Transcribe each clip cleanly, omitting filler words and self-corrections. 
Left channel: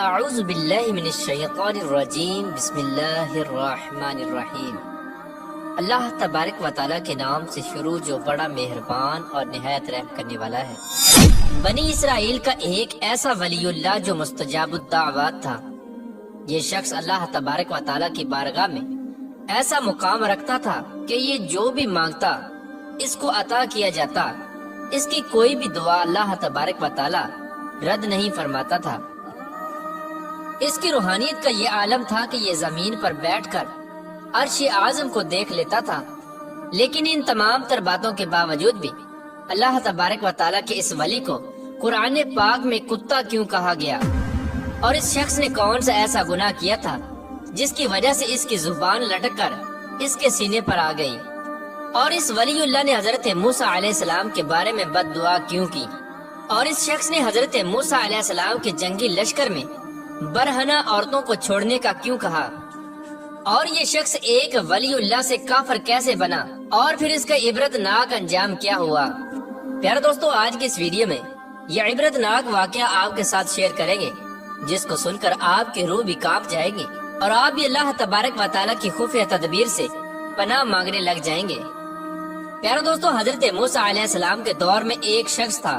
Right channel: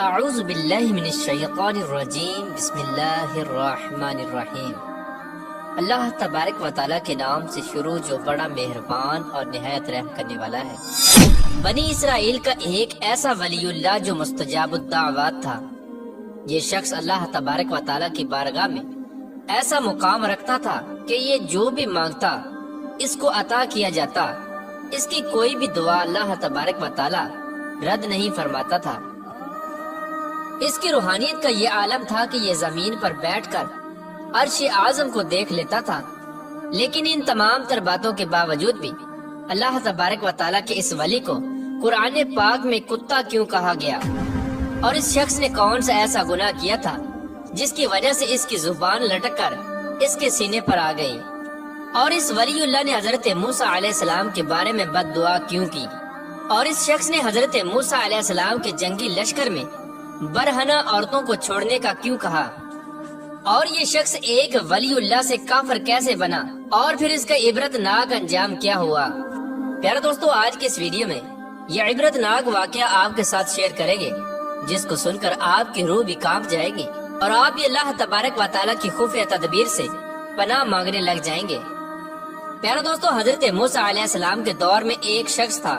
اعوذ باللہ من الشیطان الرجیم بسم اللہ الرحمن الرحیم۔ اللہ تبارک و تعالیٰ کے نام سے شروع جو بڑا مہربان اور نہایت رحم کرنے والا ہے۔ بنی اسرائیل کا ایک ایسا ولی اللہ جو مستجاب الدعوات تھا۔ یہ شخص اللہ تبارک و تعالیٰ کی بارگاہ میں ایسا مقام رکھتا تھا کہ یہ جو بھی مانگتا اس کو عطا کیا جاتا۔ اس کی کوئی بھی دعا اللہ تبارک و تعالیٰ رد نہیں فرماتا تھا۔ اس کی روحانیت کا یہ عالم تھا کہ یہ زمین پر بیٹھ کر عرش اعظم کو دیکھ لیتا تھا، لیکن ان تمام تر باتوں کے باوجود بھی اللہ تبارک و تعالیٰ کے اس ولی کو قرآن پاک میں کتا کیوں کہا گیا، اور اس شخص نے کون سا ایسا گناہ کیا تھا جس کی وجہ سے اس کی زبان لٹک کر اس کے سینے پر آ گئی، اور اس ولی اللہ نے حضرت موسیٰ علیہ السلام کے بارے میں بد دعا کیوں کی، اور اس شخص نے حضرت موسیٰ علیہ السلام کے جنگی لشکر میں برہنہ عورتوں کو چھوڑنے کا کیوں کہا، اور یہ شخص ایک ولی اللہ سے کافر کیسے بنا، اور پھر اس کا عبرت ناک انجام کیا ہوا۔ پیارے دوستو، آج کے اس ویڈیو میں یہ عبرت ناک واقعہ آپ کے ساتھ شیئر کریں گے، جس کو سن کر آپ کی روح بھی کانپ جائے گی اور آپ بھی اللہ تبارک و تعالیٰ کی خفیہ تدبیر سے پناہ مانگنے لگ جائیں گے۔ پیارے دوستو، حضرت موسیٰ علیہ السلام کے دور میں ایک شخص تھا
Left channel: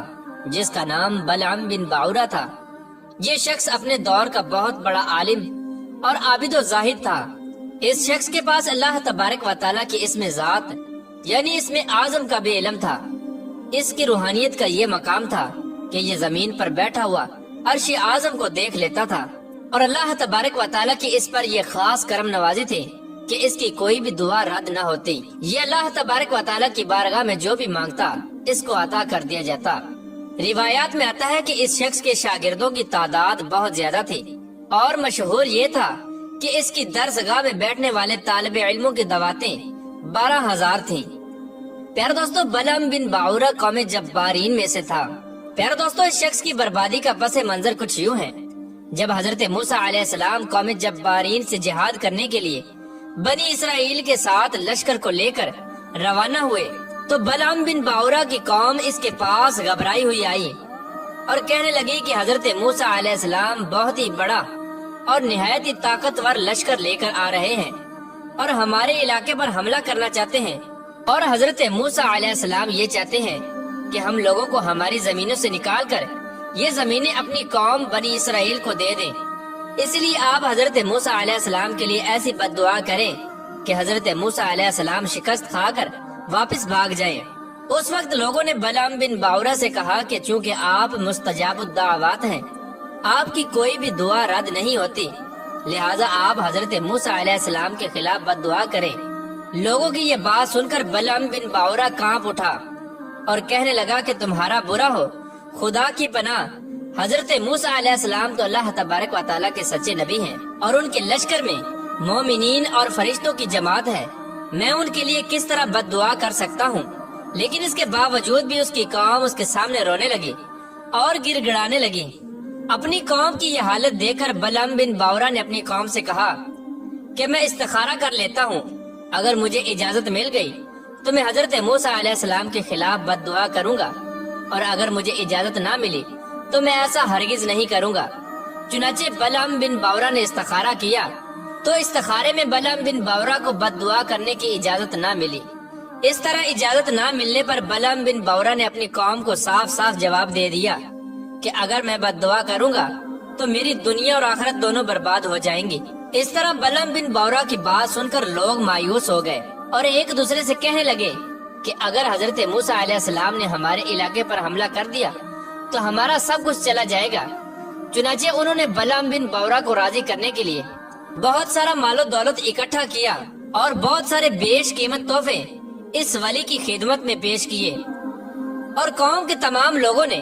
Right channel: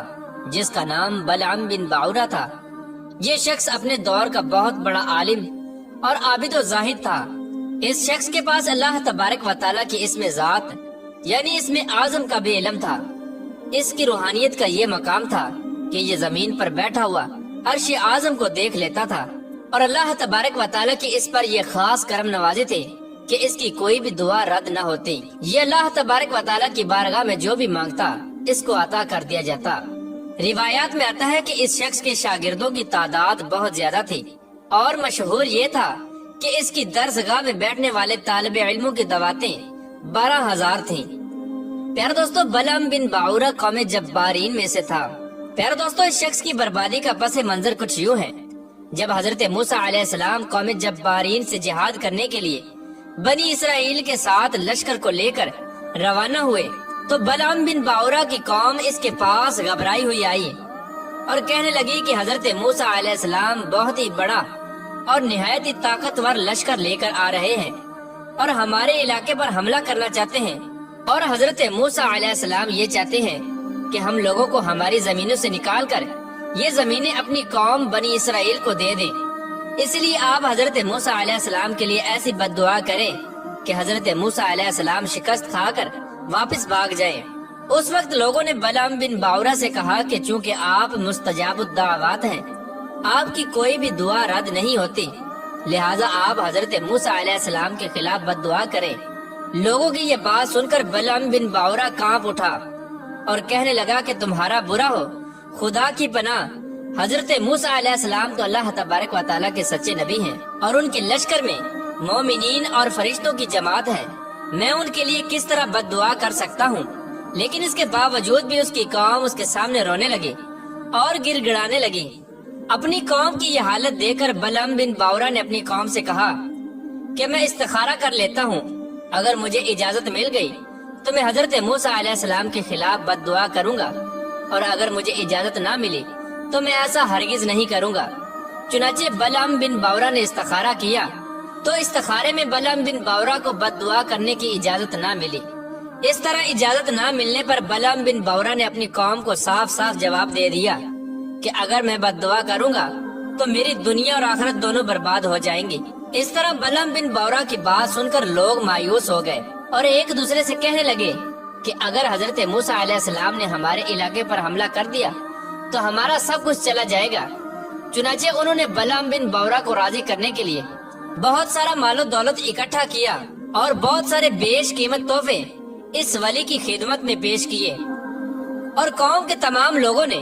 جس کا نام بلعام بن باورہ تھا۔ یہ شخص اپنے دور کا بہت بڑا عالم اور عابد و زاہد تھا۔ اس شخص کے پاس اللہ تبارک و تعالیٰ کی اسم ذات یعنی اسم اعظم کا بھی علم تھا۔ اس کی روحانیت کا یہ مقام تھا کہ یہ زمین پر بیٹھا ہوا عرش اعظم کو دیکھ لیتا تھا، اور اللہ تبارک و تعالیٰ کی اس پر یہ خاص کرم نوازی تھی کہ اس کی کوئی بھی دعا رد نہ ہوتی۔ یہ اللہ تبارک و تعالیٰ کی بارگاہ میں جو بھی مانگتا اس کو عطا کر دیا جاتا۔ روایات میں آتا ہے کہ اس شخص کے شاگردوں کی تعداد بہت زیادہ تھی، اور مشہور یہ تھا کہ اس کی درسگاہ میں بیٹھنے والے طالب علموں کی دعوتیں 12,000 تھیں۔ پیارے دوستو، بلعام بن باورہ قوم جبارین میں سے تھا۔ پیارے دوستو، اس شخص کی بربادی کا پس منظر کچھ یوں ہے۔ جب حضرت موسیٰ علیہ السلام قوم جبارین سے جہاد کرنے کے لیے بنی اسرائیل کے ساتھ لشکر کو لے کر روانہ ہوئے تو بلعام بن باورہ کی قوم اس کے پاس گھبرائی ہوئی آئی اور کہنے لگی کہ حضرت موسیٰ علیہ السلام بہت ہی بڑا اور نہایت ہی طاقتور لشکر لے کر آ رہے ہیں اور ہمارے علاقے پر حملہ کرنا چاہتے ہیں، اور حضرت موسیٰ علیہ السلام یہ چاہتے ہیں کہ ہم لوگوں کو ہماری زمینوں سے نکال کر یہ زمینیں اپنی قوم بنی اسرائیل کو دے دیں۔ اس لیے آپ حضرت موسیٰ علیہ السلام کے لیے ایسی بد دعا کریں کہ حضرت موسیٰ علیہ السلام شکست کھا کر واپس بھاگ جائیں۔ اس وقت لوگوں نے بلعام بن باورہ سے کہا کہ چونکہ آپ مستجاب الدعوات ہیں، آپ کی کوئی بھی دعا رد نہیں ہوتی، لہٰذا آپ حضرت موسیٰ علیہ السلام کے خلاف بد دعا کریں۔ لوگوں کی یہ بات سن کر بلعام بن باورہ کانپ اٹھا اور کہنے لگا کہ تمہارا برا ہو، خدا کی پناہ، حضرت موسیٰ علیہ السلام تو اللہ تبارک و تعالیٰ کے سچے نبی ہیں، اور ان کے لشکر میں مومنین اور فرشتوں کی جماعت ہے، میں ان کے لیے کس طرح بد دعا کر سکتا ہوں۔ لیکن اس کے باوجود بھی اس کی قوم اس کے سامنے رونے لگی اور گر گڑانے لگی۔ اپنی قوم کی یہ حالت دیکھ کر بلعام بن باورہ نے اپنی قوم سے کہا کہ میں استخارہ کر لیتا ہوں، اگر مجھے اجازت مل گئی تو میں حضرت موسیٰ علیہ السلام کے خلاف بد دعا کروں گا، اور اگر مجھے اجازت نہ ملی تو میں ایسا ہرگز نہیں کروں گا۔ چنانچہ بلعام بن باورہ نے استخارہ کیا تو استخارے میں بلعام بن باورہ کو بد دعا کرنے کی اجازت نہ ملی۔ اس طرح اجازت نہ ملنے پر بلعام بن باورہ نے اپنی قوم کو صاف صاف جواب دے دیا کہ اگر میں بد دعا کروں گا تو میری دنیا اور آخرت دونوں برباد ہو جائیں گی۔ اس طرح بلعام بن باورہ کی بات سن کر لوگ مایوس ہو گئے اور ایک دوسرے سے کہنے لگے کہ اگر حضرت موسیٰ علیہ السلام نے ہمارے علاقے پر حملہ کر دیا تو ہمارا سب کچھ چلا جائے گا۔ چنانچہ انہوں نے بلعام بن باورہ کو راضی کرنے کے لیے بہت سارا مال و دولت اکٹھا کیا اور بہت سارے بیش قیمت تحفے اس ولی کی خدمت میں پیش کیے، اور قوم کے تمام لوگوں نے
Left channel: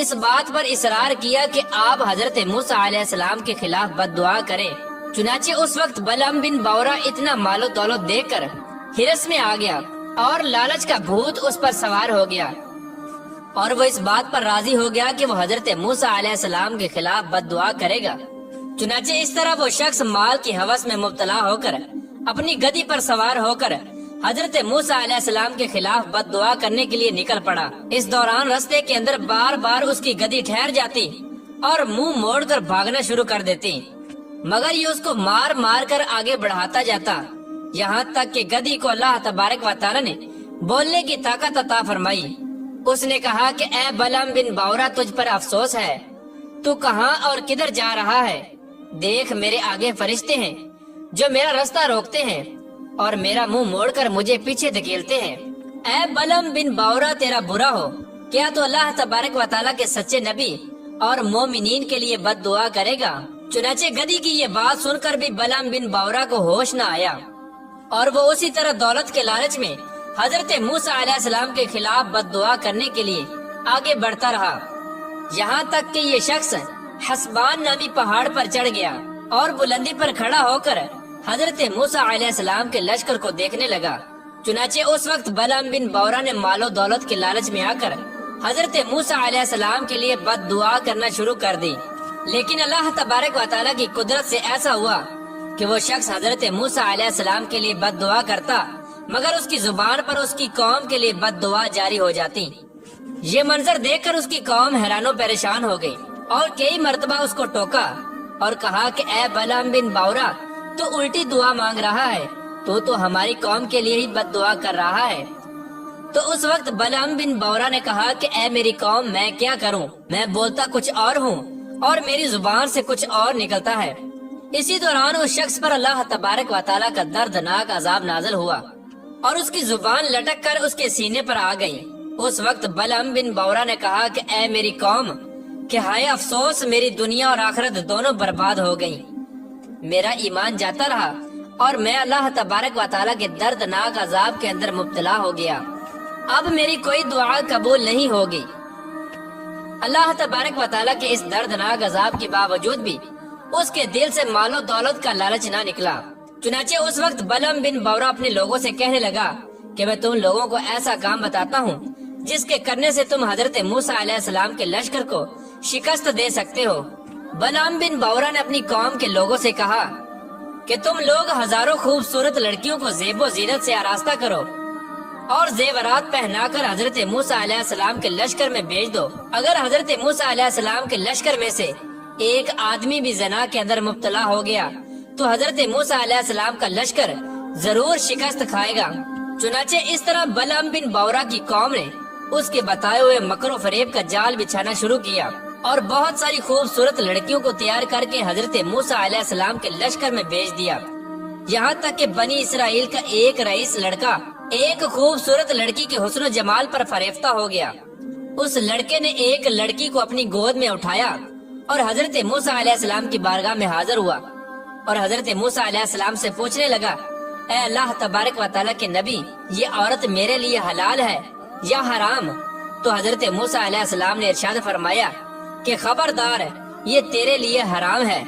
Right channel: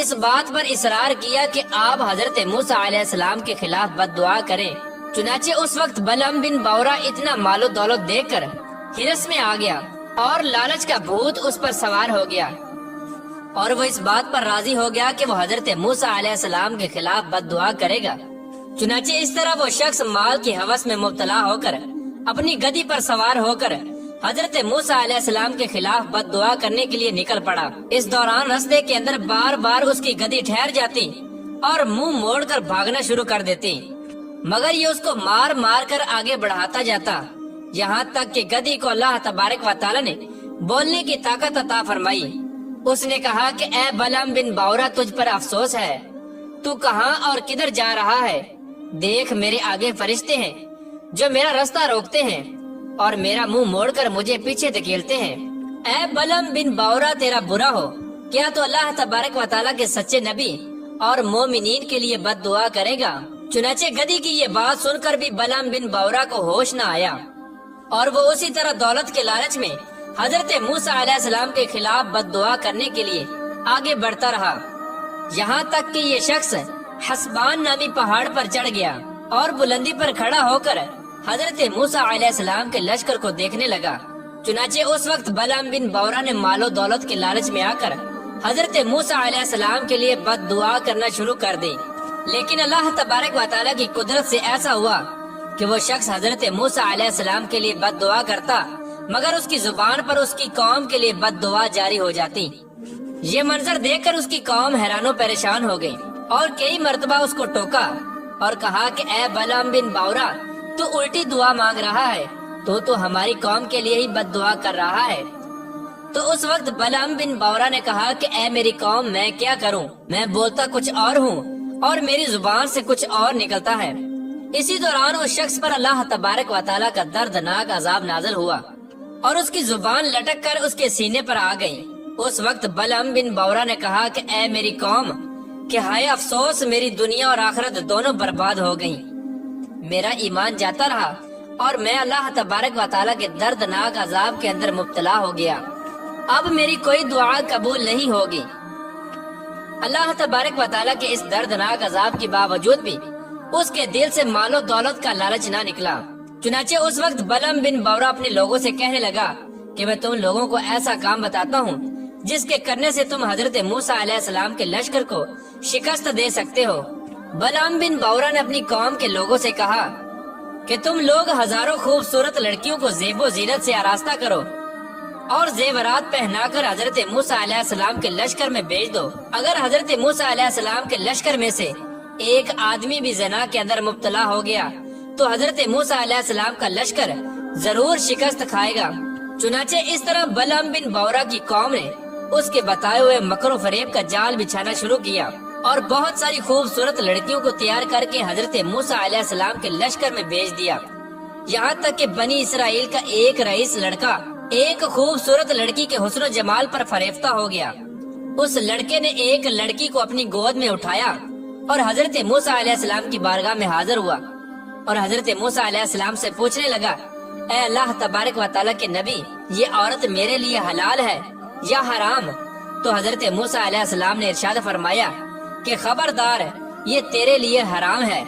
اس بات پر اصرار کیا کہ آپ حضرت موسیٰ علیہ السلام کے خلاف بد دعا کریں۔ چنانچہ اس وقت بلعام بن باورہ اتنا مال و دولت دیکھ کر ہرس میں آ گیا اور لالچ کا بھوت اس پر سوار ہو گیا، اور وہ اس بات پر راضی ہو گیا کہ وہ حضرت موسیٰ علیہ السلام کے خلاف بد دعا کرے گا۔ چنانچہ اس طرح وہ شخص مال کی ہوس میں مبتلا ہو کر اپنی گدی پر سوار ہو کر حضرت موسیٰ علیہ السلام کے خلاف بد دعا کرنے کے لیے نکل پڑا۔ اس دوران رستے کے اندر بار بار اس کی گدی ٹھہر جاتی اور منہ موڑ کر بھاگنا شروع کر دیتے، مگر یہ اس کو مار مار کر آگے بڑھاتا جاتا، یہاں تک کہ گدھی کو اللہ تبارک و تعالی نے بولنے کی طاقت عطا فرمائی۔ اس نے کہا کہ اے بلعم بن باورا، تجھ پر افسوس ہے، تو کہاں اور کدھر جا رہا ہے؟ دیکھ میرے آگے فرشتے ہیں جو میرا راستہ روکتے ہیں اور میرا منہ موڑ کر مجھے پیچھے دھکیلتے ہیں۔ اے بلعم بن باورا، تیرا برا ہو، کیا تو اللہ تبارک و تعالیٰ کے سچے نبی اور مومنین کے لیے بد دعا کرے گا؟ چنانچہ گدھی کی یہ بات سن کر بھی بلعم بن باورا کو ہوش نہ آیا، اور وہ اسی طرح دولت کے لالچ میں حضرت موسیٰ علیہ السلام کے خلاف بد دعا کرنے کے لیے آگے بڑھتا رہا، یہاں تک کہ یہ شخص حسبان نامی پہاڑ پر چڑھ گیا اور بلندی پر کھڑا ہو کر حضرت موسیٰ علیہ السلام کے لشکر کو دیکھنے لگا۔ چنانچہ اس وقت بلعم بن باورا نے مال و دولت کے لالچ میں آ کر حضرت موسیٰ علیہ السلام کے لیے بد دعا کرنا شروع کر دی، لیکن اللہ تبارک و تعالیٰ کی قدرت سے ایسا ہوا کہ وہ شخص حضرت موسیٰ علیہ السلام کے لیے بد دعا کرتا، مگر اس کی زبان پر اس کی قوم کے لیے بد دعا جاری ہو جاتی۔ یہ منظر دیکھ کر اس کی قوم حیران و پریشان ہو گئی اور کئی مرتبہ اس کو ٹوکا اور کہا کہ اے بلعم بن باورا، تو الٹی دعا مانگ رہا ہے، تو ہماری قوم کے لیے ہی بد دعا کر رہا ہے۔ تو اس وقت بلعم بن باورا نے کہا کہ اے میری قوم، میں کیا کروں؟ میں بولتا کچھ اور ہوں اور میری زبان سے کچھ اور نکلتا ہے۔ اسی دوران اس شخص پر اللہ تبارک و تعالیٰ کا دردناک عذاب نازل ہوا اور اس کی زبان لٹک کر اس کے سینے پر آ گئی۔ اس وقت بلعم بن باورا نے کہا کہ اے میری قوم، کہ ہائے افسوس، میری دنیا اور آخرت دونوں برباد ہو گئی، میرا ایمان جاتا رہا اور میں اللہ تبارک و تعالیٰ کے دردناک عذاب کے اندر مبتلا ہو گیا، اب میری کوئی دعا قبول نہیں ہوگی۔ اللہ تبارک و تعالیٰ کے اس دردناک عذاب کے باوجود بھی اس کے دل سے مال و دولت کا لالچ نہ نکلا۔ چنانچہ اس وقت بلعم بن باورا اپنے لوگوں سے کہنے لگا کہ میں تم لوگوں کو ایسا کام بتاتا ہوں جس کے کرنے سے تم حضرت موسیٰ علیہ السلام کے لشکر کو شکست دے سکتے ہو۔ بلعم بن باورا نے اپنی قوم کے لوگوں سے کہا کہ تم لوگ ہزاروں خوبصورت لڑکیوں کو زیب و زینت سے آراستہ کرو اور زیورات پہنا کر حضرت موسیٰ علیہ السلام کے لشکر میں بھیج دو۔ اگر حضرت موسیٰ علیہ السلام کے لشکر میں سے ایک آدمی بھی زنا کے اندر مبتلا ہو گیا تو حضرت موسیٰ علیہ السلام کا لشکر ضرور شکست کھائے گا۔ چنانچہ اس طرح بلعم بن باورا کی قوم نے اس کے بتائے ہوئے مکر و فریب کا جال بچھانا شروع کیا اور بہت ساری خوبصورت لڑکیوں کو تیار کر کے حضرت موسیٰ علیہ السلام کے لشکر میں بھیج دیا، یہاں تک کہ بنی اسرائیل کا ایک رئیس لڑکا ایک خوبصورت لڑکی کے حسن و جمال پر فریفتہ ہو گیا۔ اس لڑکے نے ایک لڑکی کو اپنی گود میں اٹھایا اور حضرت موسیٰ علیہ السلام کی بارگاہ میں حاضر ہوا اور حضرت موسیٰ علیہ السلام سے پوچھنے لگا، اے اللہ تبارک و تعالیٰ کے نبی، یہ عورت میرے لیے حلال ہے یا حرام؟ تو حضرت موسیٰ علیہ السلام نے ارشاد فرمایا کہ خبردار، یہ تیرے لیے حرام ہے،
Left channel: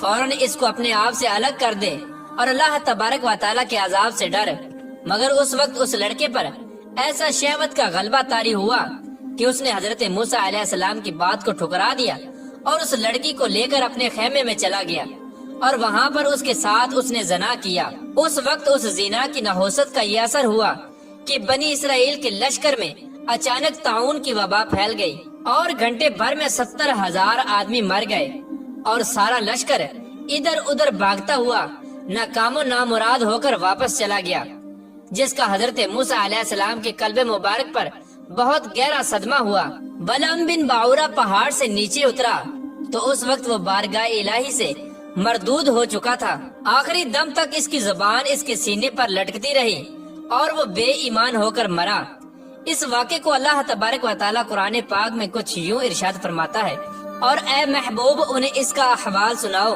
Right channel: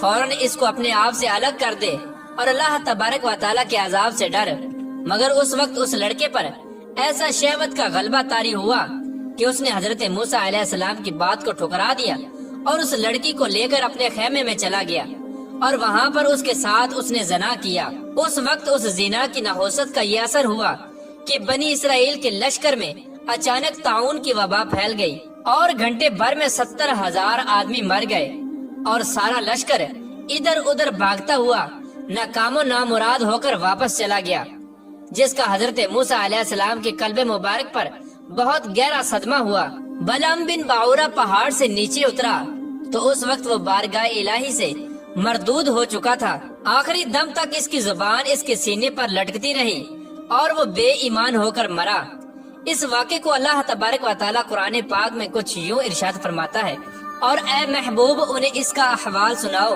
فوراً اس کو اپنے آپ سے الگ کر دے اور اللہ تبارک و تعالیٰ کے عذاب سے ڈر۔ مگر اس وقت اس لڑکے پر ایسا شہوت کا غلبہ طاری ہوا کہ اس نے حضرت موسیٰ علیہ السلام کی بات کو ٹھکرا دیا اور اس لڑکی کو لے کر اپنے خیمے میں چلا گیا اور وہاں پر اس کے ساتھ اس نے زنا کیا۔ اس وقت اس زنا کی نحوست کا یہ اثر ہوا کہ بنی اسرائیل کے لشکر میں اچانک طاعون کی وبا پھیل گئی اور گھنٹے بھر میں 70,000 آدمی مر گئے اور سارا لشکر ادھر ادھر بھاگتا ہوا ناکام و نامراد ہو کر واپس چلا گیا، جس کا حضرت موسیٰ علیہ السلام کے قلب مبارک پر بہت گہرا صدمہ ہوا۔ بلعم بن باورا پہاڑ سے نیچے اترا تو اس وقت وہ بارگاہ الہی سے مردود ہو چکا تھا، آخری دم تک اس کی زبان اس کے سینے پر لٹکتی رہی اور وہ بے ایمان ہو کر مرا۔ اس واقعے کو اللہ تبارک و تعالیٰ قرآن پاک میں کچھ یوں ارشاد فرماتا ہے، اور اے محبوب انہیں اس کا احوال سناؤ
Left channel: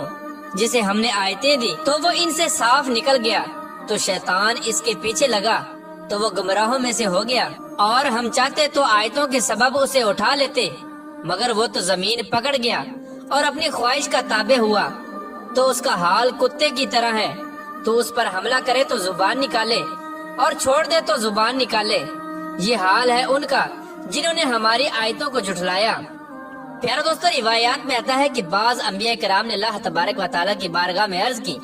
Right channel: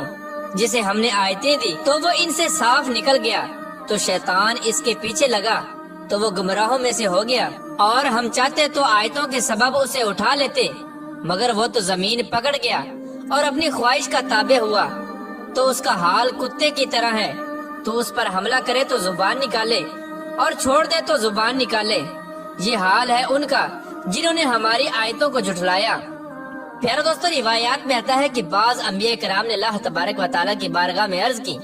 جسے ہم نے آیتیں دی تو وہ ان سے صاف نکل گیا، تو شیطان اس کے پیچھے لگا تو وہ گمراہوں میں سے ہو گیا، اور ہم چاہتے تو آیتوں کے سبب اسے اٹھا لیتے، مگر وہ تو زمین پکڑ گیا اور اپنی خواہش کا تابع ہوا، تو اس کا حال کتے کی طرح ہے، تو اس پر حملہ کرے تو زبان نکالے اور چھوڑ دے تو زبان نکالے۔ یہ حال ہے ان کا جنہوں نے ہماری آیتوں کو جھٹلایا۔ پھر دوستو، روایات میں آتا ہے کہ بعض انبیاء کرام نے اللہ تبارک و تعالیٰ کی بارگاہ میں عرض کی،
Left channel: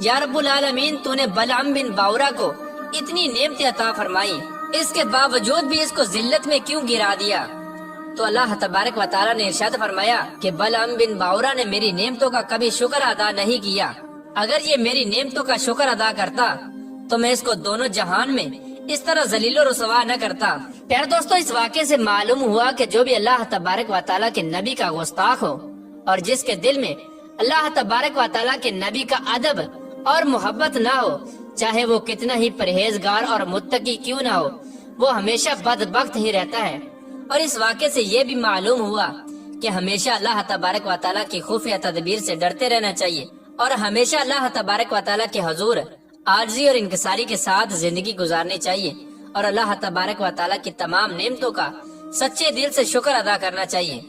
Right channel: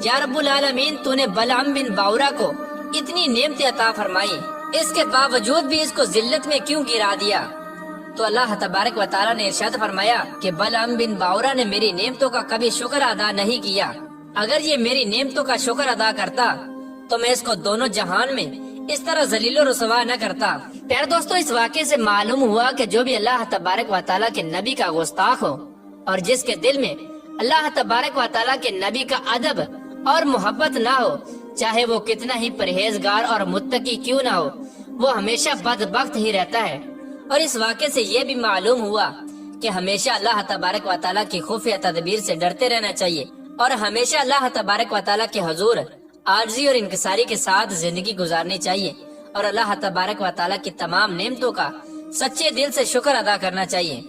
یا رب العالمین، تو نے بلعم بن باورا کو اتنی نعمتیں عطا فرمائی، اس کے باوجود بھی اس کو ذلت میں کیوں گرا دیا؟ تو اللہ تبارک و تعالیٰ نے ارشاد فرمایا کہ بلعام بن باورا نے میری نعمتوں کا کبھی شکر ادا نہیں کیا، اگر یہ میری نعمتوں کا شکر ادا کرتا تو میں اس کو دونوں جہان میں اس طرح ذلیل و رسوا نہ کرتا۔ پیارے دوستو، اس واقعے سے معلوم ہوا کہ جو بھی اللہ تبارک و تعالیٰ کے نبی کا گستاخ ہو اور جس کے دل میں اللہ تبارک و تعالیٰ کے نبی کا ادب اور محبت نہ ہو، چاہے وہ کتنا ہی پرہیزگار اور متقی کیوں نہ ہو، وہ ہمیشہ بدبخت ہی رہتا ہے۔ اور اس واقعے سے یہ بھی معلوم ہوا کہ ہمیشہ اللہ تبارک و تعالیٰ کی خفیہ تدبیر سے ڈرتے رہنا چاہیے اور ہمیشہ اللہ تبارک و تعالیٰ کے حضور عاجزی اور انکساری کے ساتھ زندگی گزارنی چاہیے اور اللہ تبارک و تعالیٰ کی تمام نعمتوں کا سچے دل سے شکر ادا کرنا چاہیے۔